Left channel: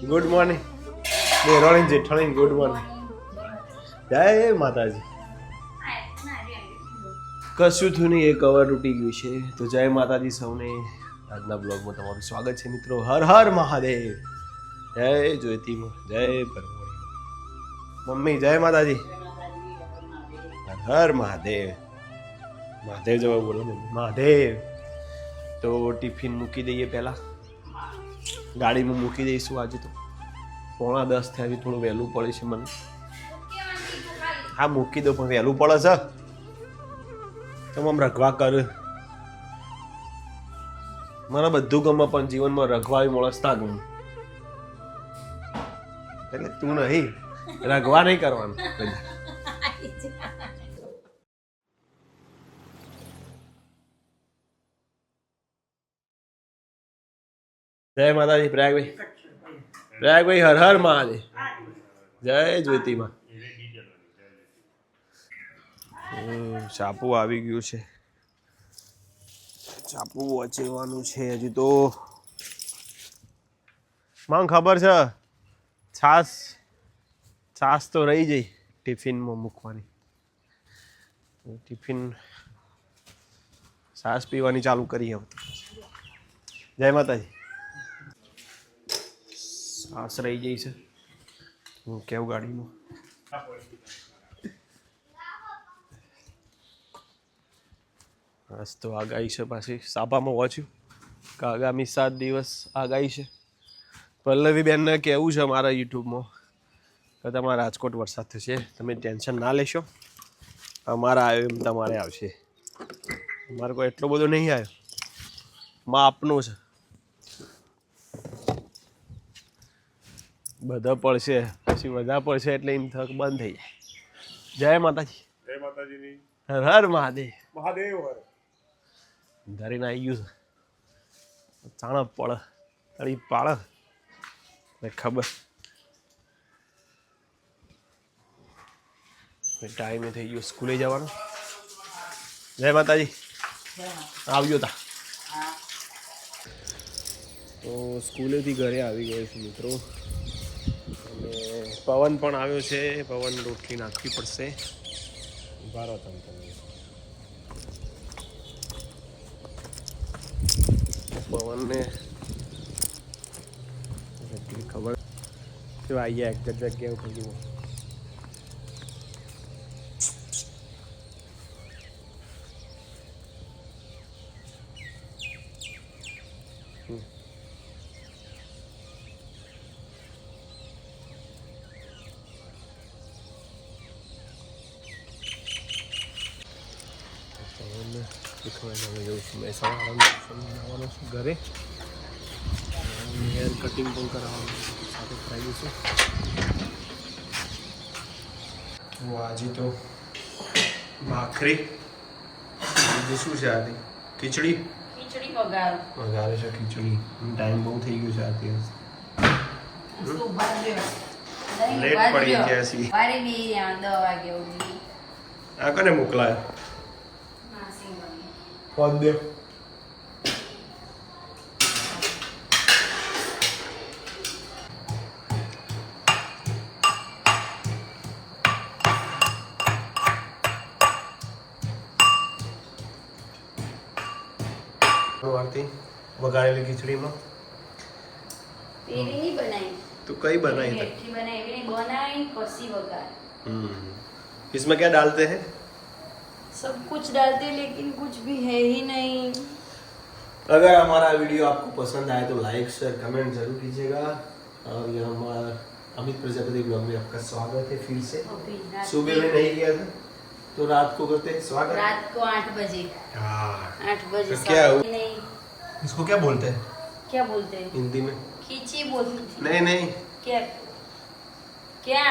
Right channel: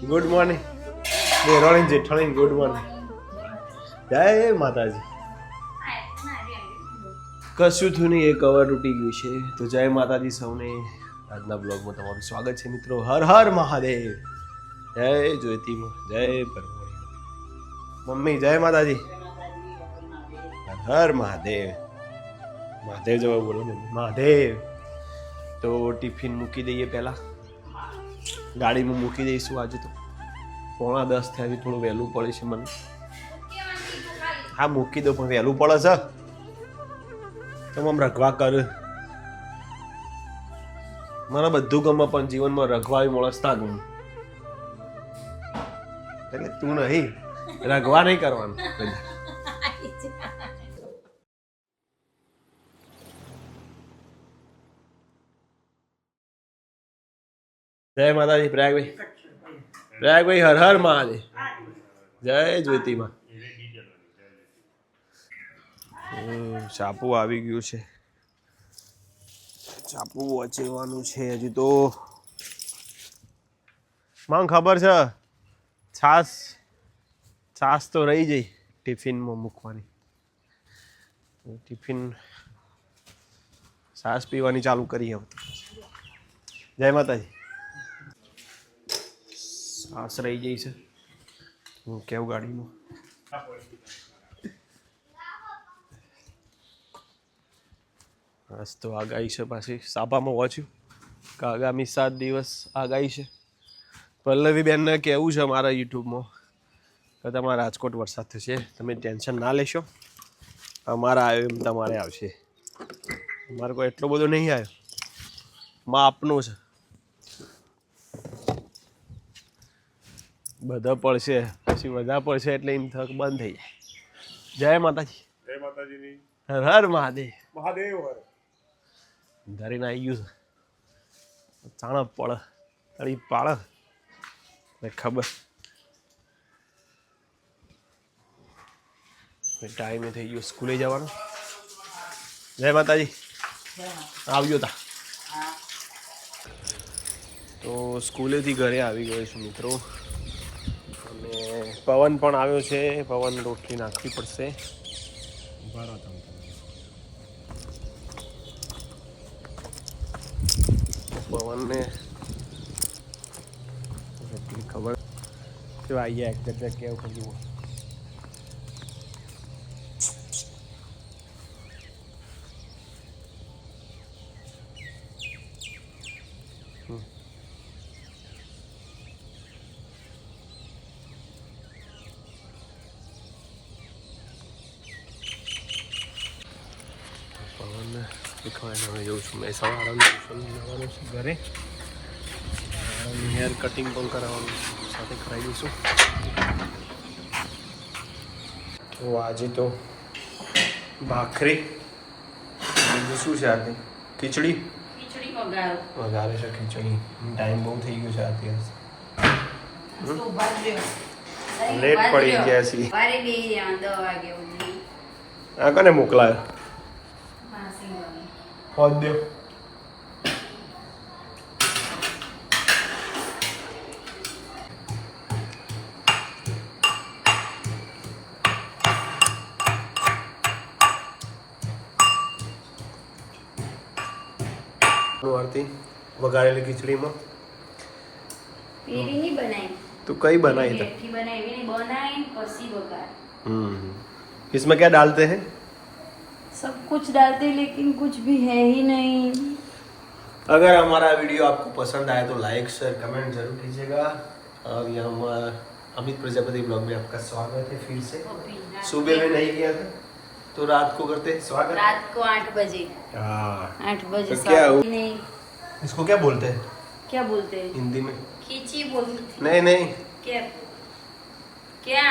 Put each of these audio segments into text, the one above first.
Good morning રોહિણ જેઠાણી good morning જય માતાજી કશું થયું નહીં એ કવર તૂટી ગયું છે તો જય માતાજી સૌને આજના બ્લોગમાં તમારું સ્વાગત છે મિત્રો હર હર મહાદેવ જય જ્યોતિમાં જય પરમોણી મમ્મી જય માતાજી હર હર મહાદેવ મહાદેવ જવા બોલો મમ્મી મહાદેવ તો ટિફિન મૂકી દઈએ પહેલાં ગાડીમાં મૂકી દઈશું આજે તો 9:45 થયા થોડું વહેલું પડે છે મને હા મૂકી દો પણ વહેલું પડે છે તો આમ રખવા કર મને બધું ગમે પણ જીવનમાં રખવા માણસ ના ગમે એટલે તું નહીં રખવા નહીં કરવાનું જય માતાજી પ્રયાગભાઈ હર હર મહાદેવ જય જ્યોતિમાં ચાપુ આવી ગયું છે ચાપુ વચેવાનું છે હજી તો મને ખબર છે છાસ તો રહી જઈ ટિફિનમાં મૂકવાની ટિફિન છાસ પીવાની ચાલુ કરી હવે જય માતાજી છાસ રહી જઈ છે હું કેવું ગાડીમાં બસ તો આગાહી છે પાછી સાપામાં વાંચ્યું કે આગામી 7 દિવસ આગાહી છે પલ્લવીબેનને કહેવું છે મારા યુટ્યુબમાં કે તમારા રાજકોટ વરસાદ થશે તમે ટેન્શન ના લેશો અમારા આવ્યો એમ તમારે આવશે અમારે કોઈ એટલો બધો નહીં આવ્યો માપનું છે બધા પડશે પછી બધા પડશે એટલે એમ થક બંધ થઈ જાય જય માતાજી જય માતાજીની હર હર મહાદેવ મહાદેવ હર ધરીને આવી ગયું છે ચાણપ પડે તળી પાડે ને ખબર ટાઈમે થઈ ગયો સ્કૂલે જવાનો જય માતાજી આવ્યો તા તો સ્કૂલેથી ઘરે આવી ગયો છું મિત્રો અને પવન પણ આવ્યો છે પવન રોટલી નાખવી પડશે પવનને એટલી ખબર તો આવી જાય એક જગ્યાએ ઉપર જુઓ પવન શીખવાને હવે જઉં છું મહેસાણા જવાનું છું ઘરે હેર કટિંગ પણ કરાવવાનું સાથે કરાવી દઈશું તો આજે તો ભાખરી બીજું શું છે આજે ખીચડી વઘારે છે ખીચડી ટાઈમ બહુ થઈ ગયો છે અત્યારે લેટ પડી ગયા છે આ કને મોકલાય પદ દે વઘારેલી ખીચડીમાં नहीं बनाई तो कई बनाई मेथी बनाई नहीं बनाई फरसी वघार इसमें क्या डालते हैं सब कुछ डालते हैं लेकिन कुछ भी है ही नहीं अगर हमारा वीडियो आपको पसंद आए तो लाइक शेयर कमेंट जरूर कीजिएगा और यहाँ हमारा अमित प्रजापति ब्लॉग में आपका स्वागत है फिर से सुबह में नहीं किया था तो रात को करते हैं स्वागत रात को 8 बजे हाँ 8 बजे तो क्या नहीं इसको क्या बोलते हैं क्या बोलते हैं हिंदी में खींची बोलते थे नहीं नहीं क्या क्या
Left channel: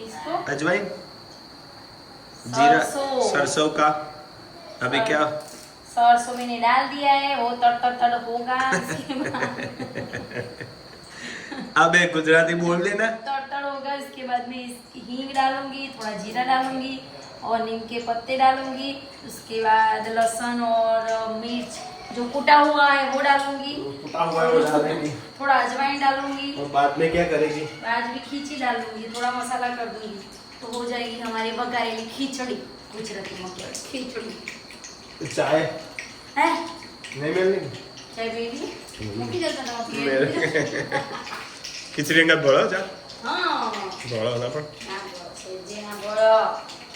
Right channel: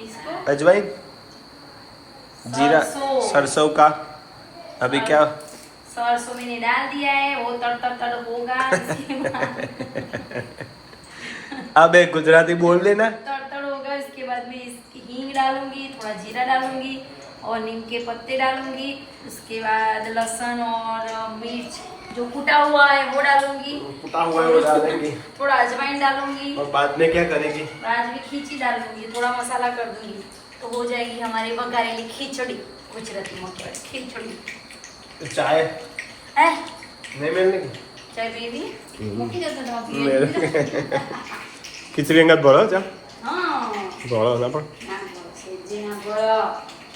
इसको अजवाइन जीरा सरसों का अभी क्या सरसों मैंने डाल दिया है वो तड़ होगा अब एक गुजराती बोल देना तड़ होगा इसके बाद में इसकी हींग डालूंगी थोड़ा जीरा डालूंगी और नीम के पत्ते डालूंगी उसके बाद लहसुन और मिर्च जो कूटा हुआ है वो डालूंगी, कुटा हुआ है वो डालेंगे थोड़ा अजवाइन डालूंगी और बाद में क्या करेगी? आज भी खींची डालूंगी, थोड़ा मसाला कर दूंगी तो हो जाएगी हमारी वघारेली खिचड़ी, गुजराती में खिचड़ी। तो चाय है नहीं मिलने की? चाय बेबी मूकी जैसा ना पिए। ખીચડી અંગત ભરો ચા हाँ ભરો ના પણ ના બોલો છે જે ના બોલો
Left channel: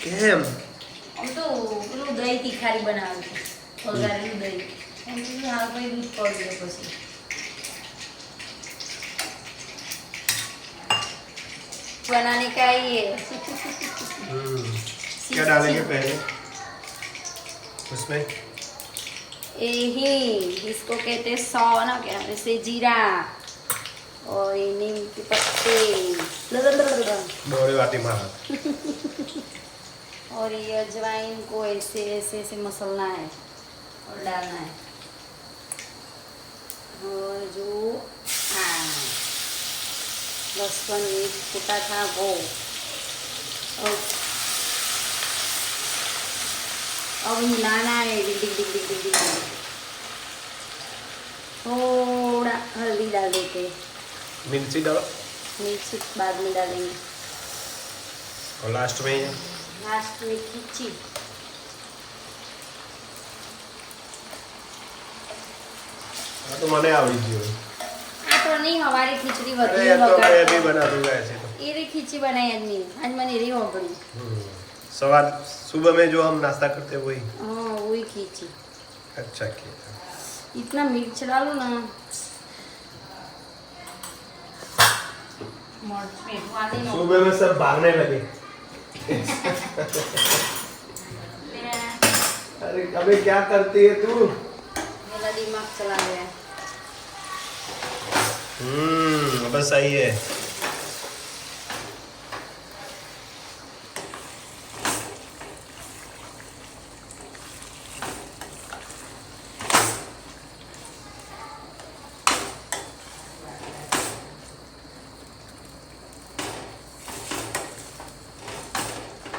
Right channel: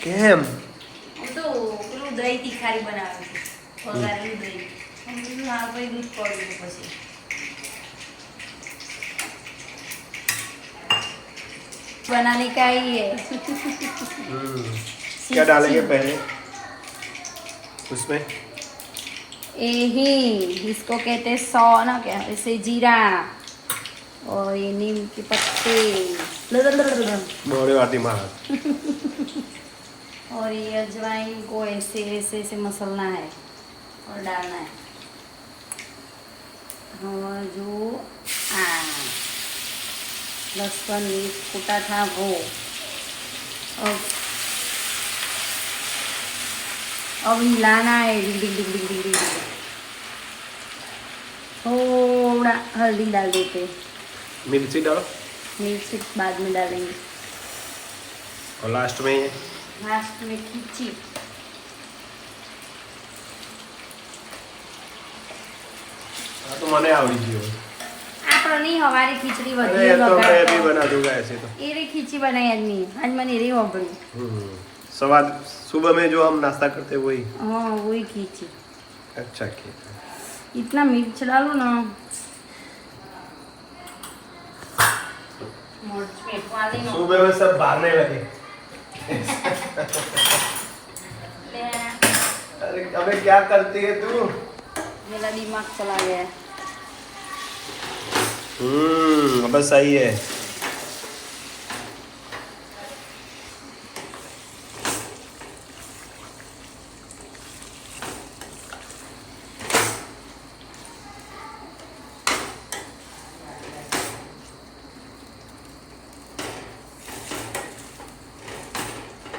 કેમ? हम तो પેલું દહીં તીખારી બનાવે છે, વઘારેલું દહીં એમ કીધું હા કઈ દૂધ પડે પછી बनाने का ही है। क्या डालेंगे पहले उसमें? यही इसको कहते हैं सौ ना, क्या वैसे जीरा और ये नीम के पत्ते बोले वाटी मारा और ये अजवाइन को ऐसे ऐसे ऐसे मसलना है और डालना है। जो लहसुन मिर्च कूटा था वो, और अब मिलाना है डिग डिग डिग डिग डिग। थोड़ा हल्दी डाल देते, मिर्ची डालो मिर्ची बाद में डालेंगे, और लास्ट में लास्ट में खींची। हाँ तो मैंने आवड़ी गई आपको नहीं हमारी खिचड़ी अरे ये तो मैं भी बना दूंगा ऐसे तो ये री खिचड़ी बनाई आदमी आज मैंने री हो गई। सवार सुबह में जो हम नाश्ता करते वही। हाँ वही खिचड़ी। अच्छा किया। इतना मिर्च डालो ना, सुबह में सब भागने लगे। अरे अबे क्या करती है तू? मेरा दिमाग चला गया। बस सही है।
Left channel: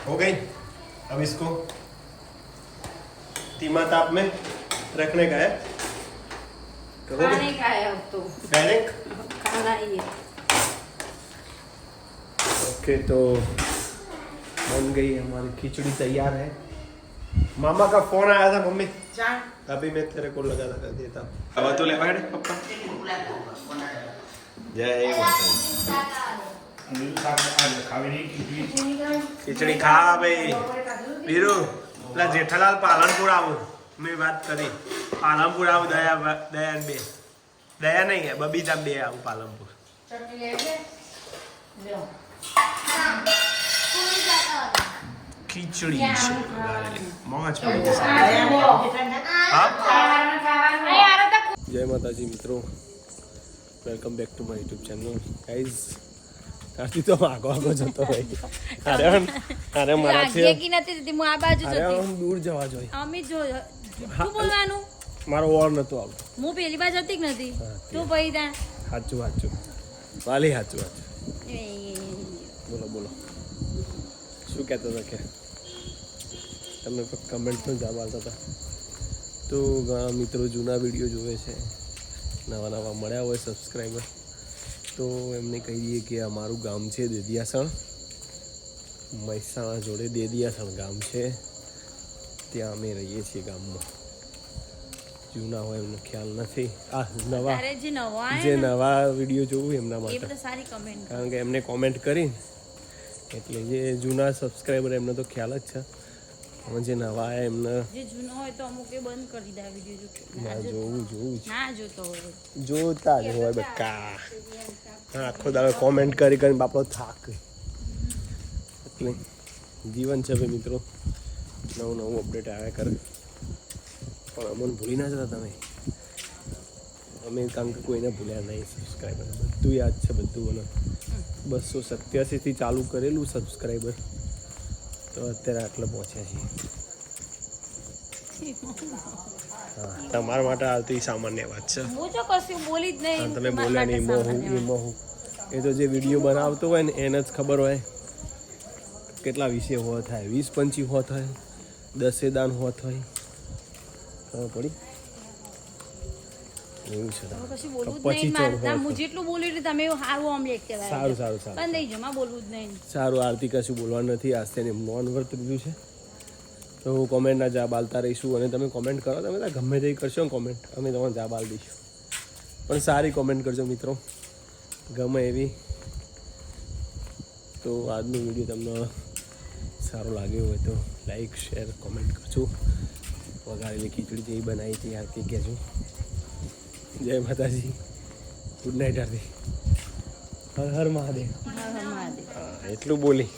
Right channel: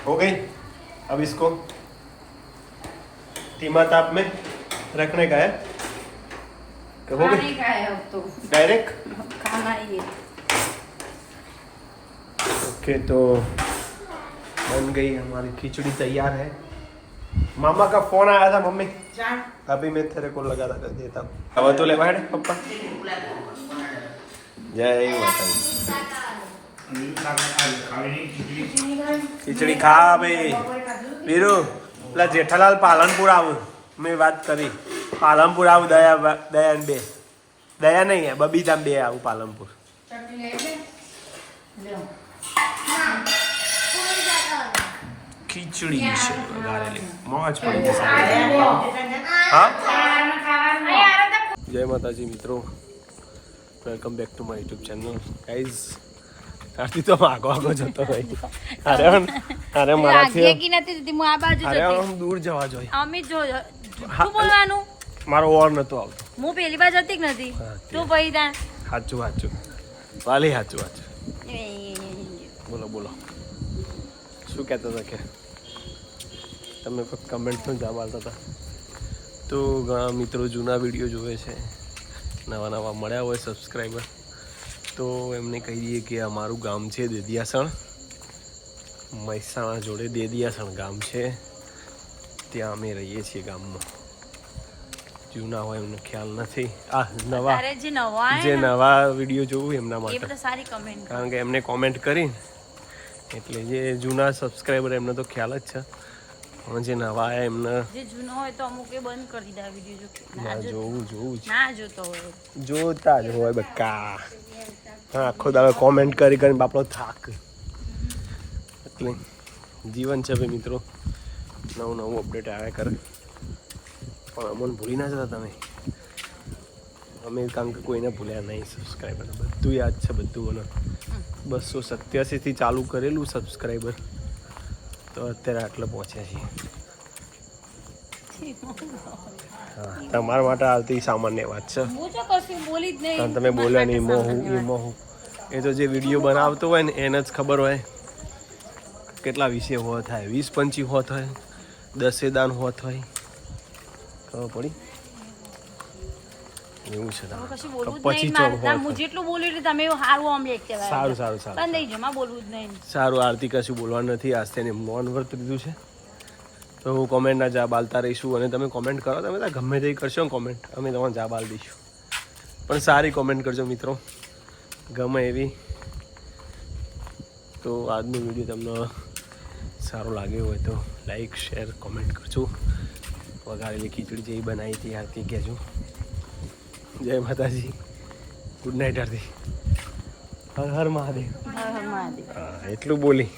हो गई। अब इसको धीमा ताप में रखने का है। खाने का है अब तो, डायरेक्ट खाना ही है। ओके तो बन गई हमारी खिचड़ी, तैयार है। मामा का फोन आया था, मम्मी अभी मैं तेरे को लगा कर देता हूँ। अब तो ले बैठ पप्पा। जय माता खिचड़ी खा भाई वीरू પેલા જેઠાલાલ પાલનપુર આવું મેં વાત કરી પાલનપુર આવું દયા બે દયા નહીં હે બબીતા બે આવું પાલનપુર ખીચડી છે વઘારેલી મોજ પડી જશે હા જય માતાજી મિત્રો welcome back to my YouTube channel guys આરતી તો આગો જતો હોય અરે મારાથી આગે કી નથી દીધી હું આ બાજુ અરે જતી આમ દૂર જવા જોઈએ અમે જો શું બોલવાનું મારો ઓર નતો આવતો હું પહેલી વાર જતી જ નથી હા, તું પહી તા સાચું સાચું વાલી સાચું બોલો બોલો શું કહેતા હતા કે તમે કમેન્ટ પણ જવાબ આપતા હતા તો ઘણા મિત્રો જૂના વિડીયો જોવે છે, નવા નવા મળ્યા હોય સબસ્ક્રાઈબર, તો એમને કહી દઈએ કે અમારું ગામ છે દેદિયાસણ, મહેસાણા જોડે દેદિયાસણ ગામ છે, ત્યાં અમે રહીએ છીએ ગામમાં. જૂના હોય એમને ખ્યાલ નથી, આ નવા જે નવા વિડીયો જોવું એમના માટે, કારણ કે એમને કોમેન્ટ કરીને એટલે જે જૂના સબસ્ક્રાઈબર એમને તો ખ્યાલ જ છે, પણ જે નવા આવ્યા એમને જે જૂનો હોય તો અમુકે બંધ કરી દે વિડીયો ના જોવું ના જોતો હોય જોતા જ હોય બકા. હા આખો દાડો કોમેન્ટ કરી કરીને બાપડો થાક. એટલે જીવન છે ભાઈ મિત્રો, નવું નવું અપડેટ આવ્યા કરે, પણ અમને ભૂલી ના જતા તમે. અમે કારણ કે કોઈને ભૂલ્યા નહીં, સબસ્ક્રાઈબર બધું યાદ છે, બધું મને 287થી ચાલુ કરેલું સબસ્ક્રાઈબર, તો અત્યારે આટલે પહોંચ્યા છીએ. તમારા માટે આવતી સામાન્ય વાત છે, તમે બોલ્યા નહીં મોહું. એ તો જે વિડીયો બનાવતો હોય ને એને જ ખબર હોય કેટલા વિષય હોત થાય, 20-25 હોત હોય, 10 દાન હોત હોય, ખબર પડી. એવું છે હવે કશું બોલવું જ પછી નહીં ચોક મારે. હું જેટલું બોલ્યું એટલું તમે એવું સારું ઓમલેટ કહેવાય. સારું સારું સારું બંધ થઈ જમા બોલવું જ નહીં. સારું આરતી કશું બોલવાનું નથી આજ તેને મૌન વ્રત લીધું છે તો હું કોમેન્ટના જવાબ આલતા રહીશું અને તમે કોમેન્ટ કરો તમે તો ગમે તે કરશો કોમેન્ટ અમે તમારો જવાબ આલ દઈશું પણ સારી કોમેન્ટ કરજો મિત્રો ગમે એવી તો આજનો વિડીયો તમને સારો લાગ્યો હોય તો લાઈક શેર કોમેન્ટ કરજો વઘારેલી ખીચડી જેવી બનાવી હતી આરતી કહેજો જય માતાજી ગુડ નાઇટ આરતી હર હર મહાદેવ હર હર મહાદેવ. એટલું બોલી